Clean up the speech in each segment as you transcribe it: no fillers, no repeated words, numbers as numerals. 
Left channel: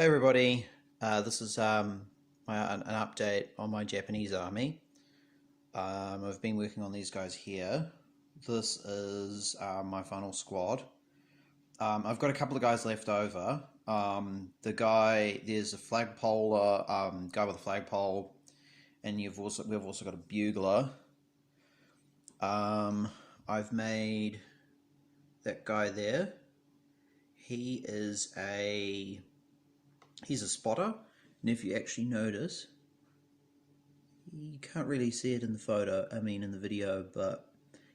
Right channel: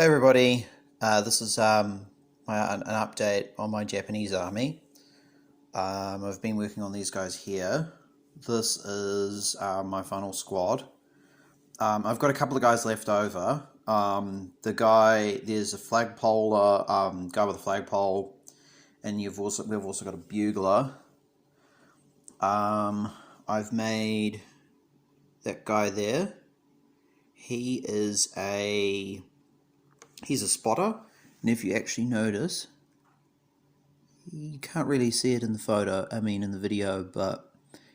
Hey everybody, this is an update on my Japanese army. I've been working on these guys here. This is my final squad. I've got a couple of guys left over. There's a flagpoler guy with a flagpole, and we've also got a bugler. I've made that guy there. He's a spotter, and if you actually notice, you can't really see it in the video, but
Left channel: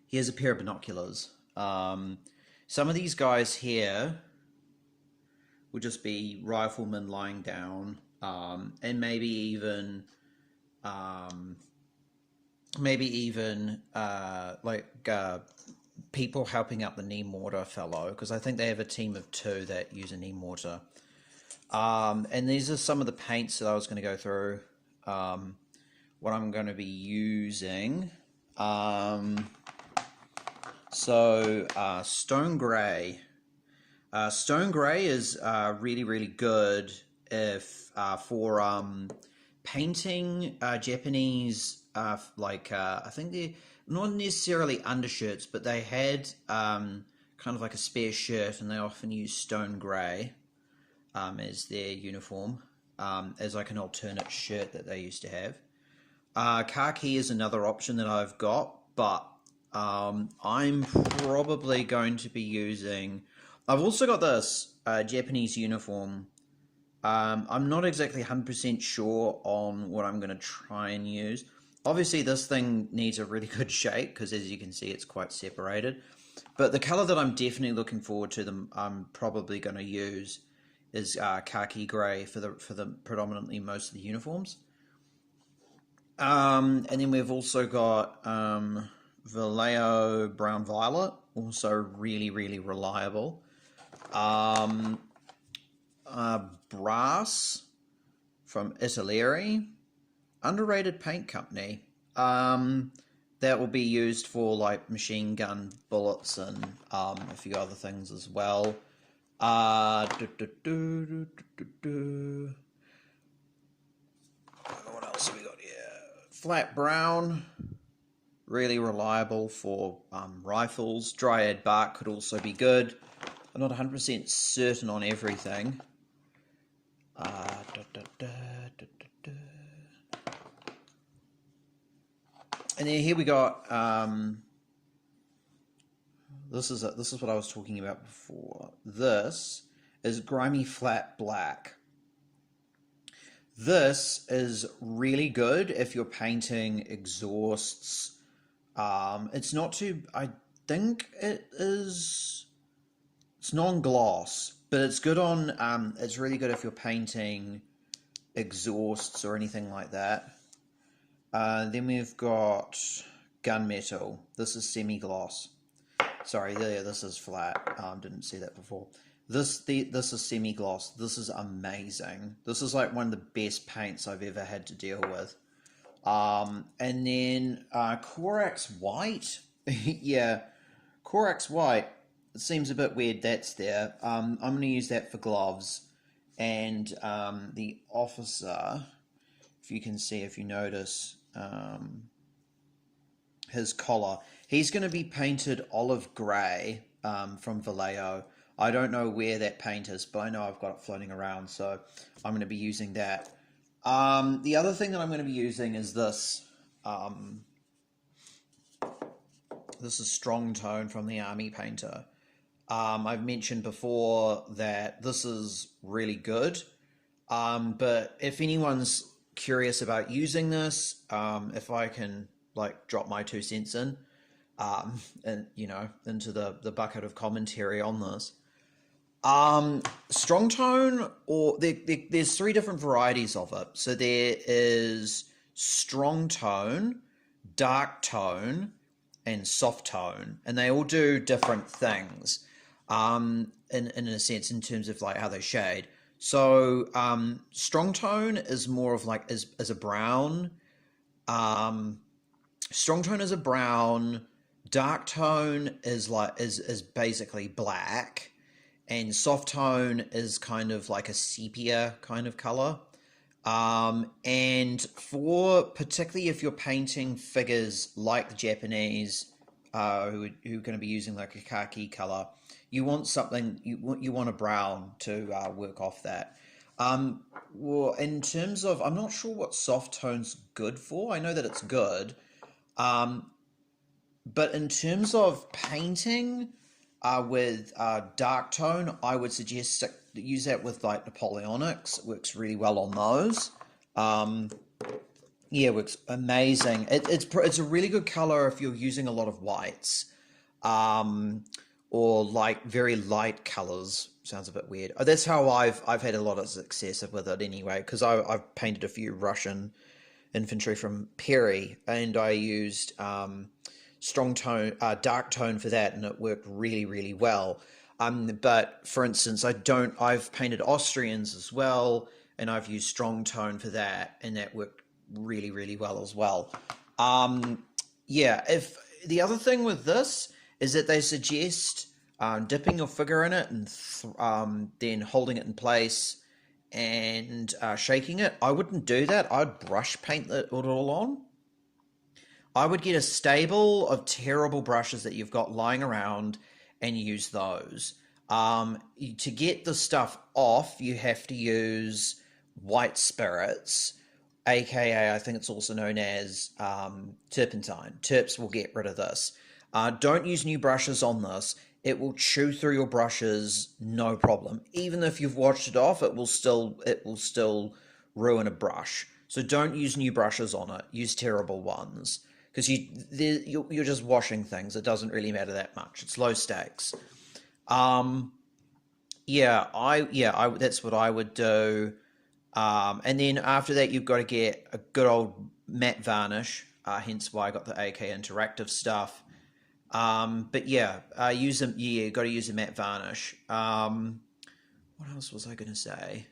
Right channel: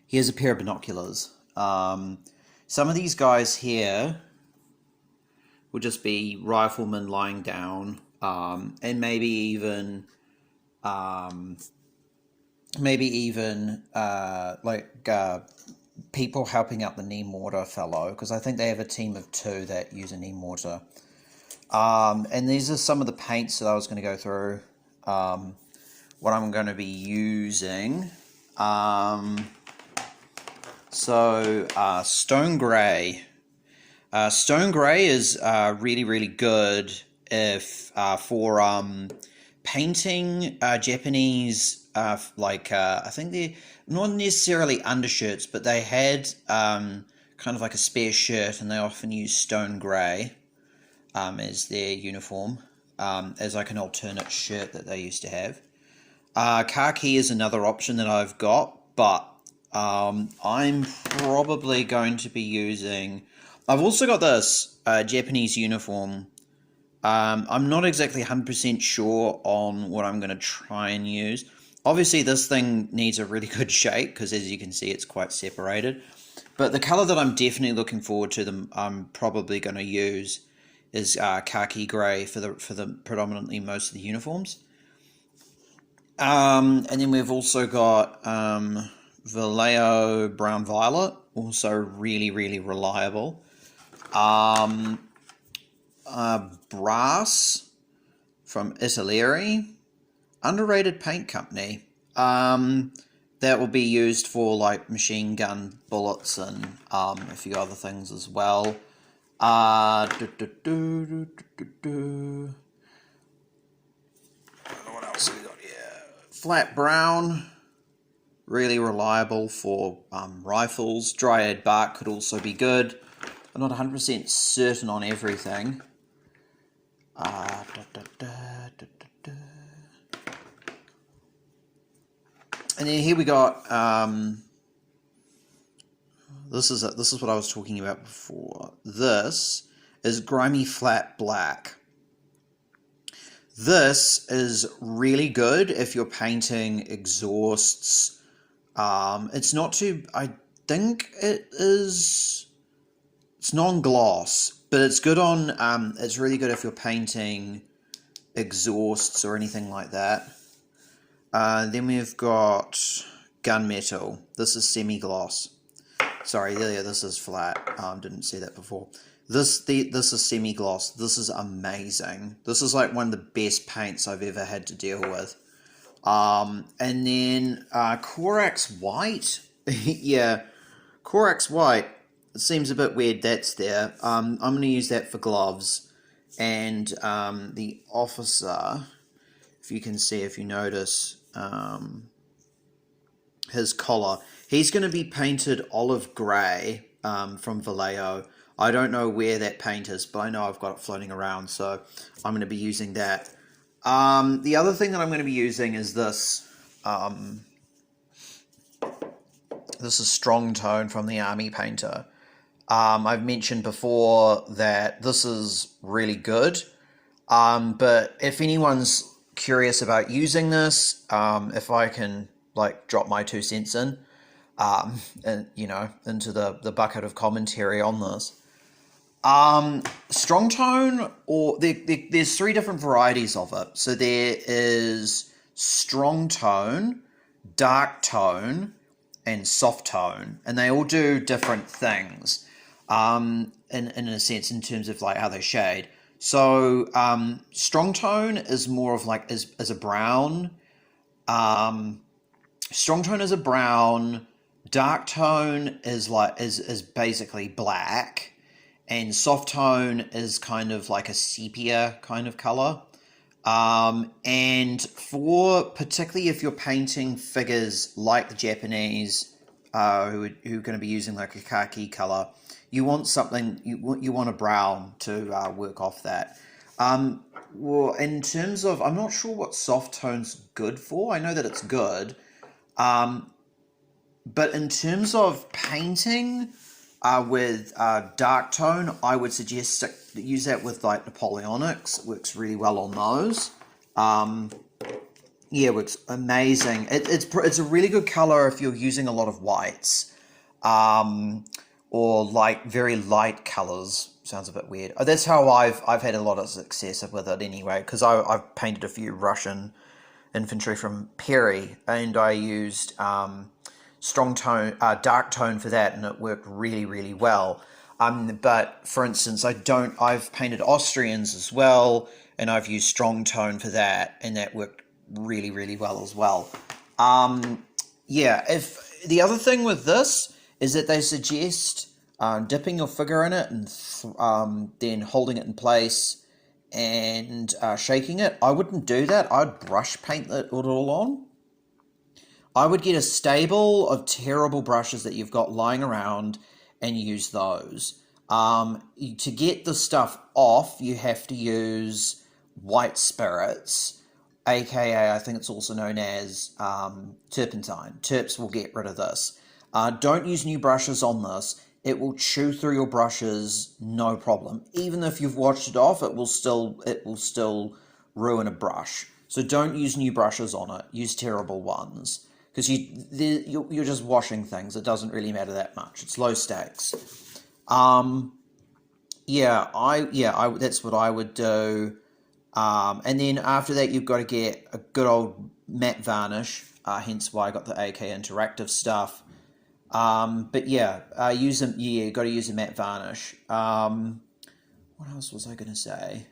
he has a pair of binoculars. Some of these guys here will just be riflemen lying down, and maybe even people helping out the knee mortar fellow, because I think they have a team of 2 that use a knee mortar. And these are some of the paints that I was going to go through, what I'm going to be using. Stone Grey. Stone Grey is really good if for painting Japanese, I think they're not necessarily undershirts, but they had kind of like a spare shirt, and they often use Stone Grey as their uniform, as like an alternate shirt that they used to have. Khaki is another option that I've got, but I'm probably going to be using... I've also got this Japanese uniform. I'm not exactly 100% sure on what I'm going to try and use. Obviously, this thing needs a really good shake, because as you can see, it's quite separated. But the colour that I'm definitely looking forward to, I'm probably going to use is khaki grey for the predominantly most of the uniforms. And then we've also got Vallejo Brown Violet, also really reliable. Brass from Italy, underrated paint company. That will be used for like machine gun bullets and a few other things as well. What else have we got here? Flat brown, really reliable for rifles. Dryad bark could also be good. I'm not 100% certain on everything. And then here we got this is what I was talking about before. This is grimy flat black. This is really good if you're painting exhausts. It's not too... I think it's non-gloss, but it's good on... it's really good if you're painting exhausts or anything like that. Then we've got gunmetal. This is semi-gloss. Sorry, yeah, this is flat. Didn't see that before. This is semi-gloss. This is amazing. This is like one of the best paints I've ever had to deal with. And then Corax White. Yeah, Corax White. It seems a bit weird that's there. I'm going to use that for gloves. And the officer, if you can see, if you notice, his collar. He's going to be painted olive grey from Vallejo. I don't know where that paint is, but I know I've got it floating around, so I'm going to be using that. The other thing that I'm going to be using is this. This is Strong Tone from the Army Painter. I've mentioned before that this is really good, but if anyone's curious about using this, if I can like drop my 2 cents in, and into the bucket of commentary on this. Strong tone, or there's 3 different varieties of it. So there is strong tone, dark tone, and soft tone, and they all do different things. In a sense, in terms of like how they shade. So strong tone is more of like as a brown. Strong tone is a brown. Dark tone is basically black, and soft tone is kind of like a sepia kind of color. And for particularly if you're painting figures like the Japanese, who are going to be using like a khaki color, you want something, you want a brown to work off that. Well, in terms of, I'm not sure what soft tone's good for. I know that it's good. But in terms of painting with dark tone, I would suggest use that with like Napoleonics. It works really well on those. Yeah, it works amazing. It's a really good color if you're using a lot of whites, or like very light colors. Sounds a bit weird. That's how I've had a lot of success with it anyway, because I've painted a few Russian infantry from Perry, and I used strong tone, dark tone for that, and it worked really, really well. But for instance, I've painted Austrians as well, and I've used strong tone for that, and that worked really, really well as well. Yeah, if the other thing with this is that they suggest dipping your figure in it and then holding it in place and shaking it. I wouldn't do that. I'd brush paint it all on. I would get a stable of terrible brushes that you've got lying around and use those. To get the stuff off, you have to use white spirits, aka I think it's also known as turpentine. Terps will get rid of this. Don't use new brushes on this. It will chew through your brushes, no problem. Even if you've washed it off, it will still ruin a brush. So don't use new brushes on it. Use terrible ones, because you're just washing things. It doesn't really matter that much. It's low stakes. Yeah, that's what I would do. And then after that, you've got to get a good old matte varnish. Hence why I got the AK Interactive stuff. But yeah, you got to use a matte varnish. What else was I going to say?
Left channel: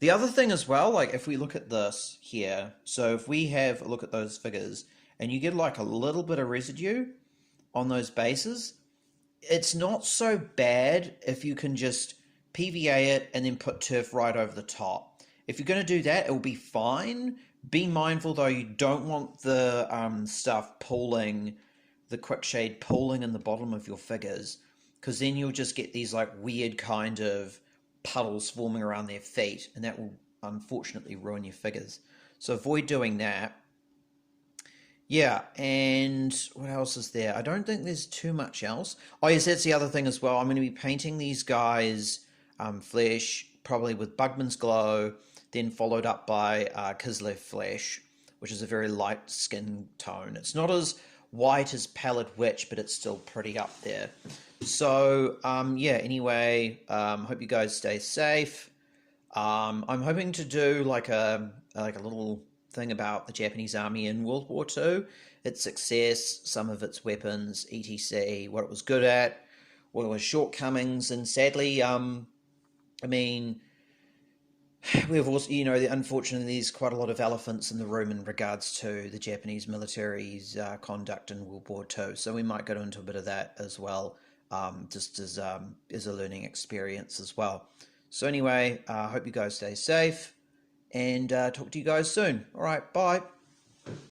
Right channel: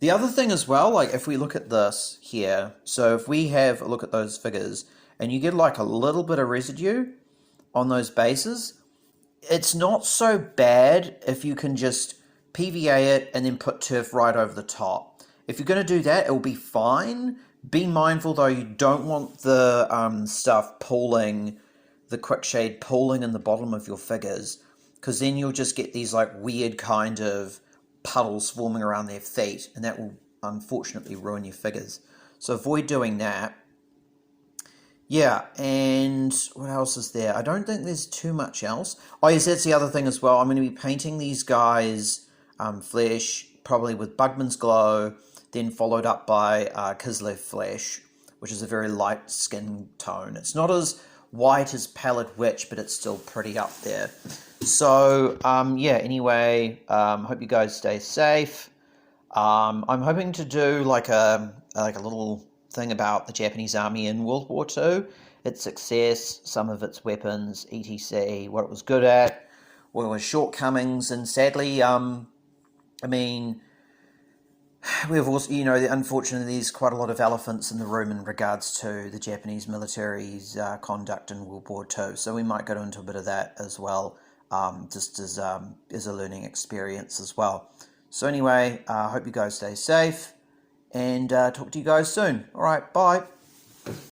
The other thing as well, like if we look at this here, so if we have a look at those figures and you get like a little bit of residue on those bases, it's not so bad if you can just PVA it and then put turf right over the top. If you're going to do that, it'll be fine. Be mindful though, you don't want the stuff pooling, the quick shade pooling in the bottom of your figures, because then you'll just get these like weird kind of puddles forming around their feet, and that will unfortunately ruin your figures. So avoid doing that. Yeah, and what else is there? I don't think there's too much else. Oh yes, that's the other thing as well. I'm going to be painting these guys flesh, probably with Bugman's Glow, then followed up by Kislev Flesh, which is a very light skin tone. It's not as white as Pallid Witch, but it's still pretty up there. So, yeah, anyway, hope you guys stay safe. I'm hoping to do like a little thing about the Japanese army in World War II, its success, some of its weapons, etc., what it was good at, what its shortcomings, and sadly, I mean, we've also, unfortunately, there's quite a lot of elephants in the room in regards to the Japanese military's conduct in World War II. So we might go into a bit of that as well, just as a learning experience as well. So anyway, I hope you guys stay safe, and talk to you guys soon. All right, bye.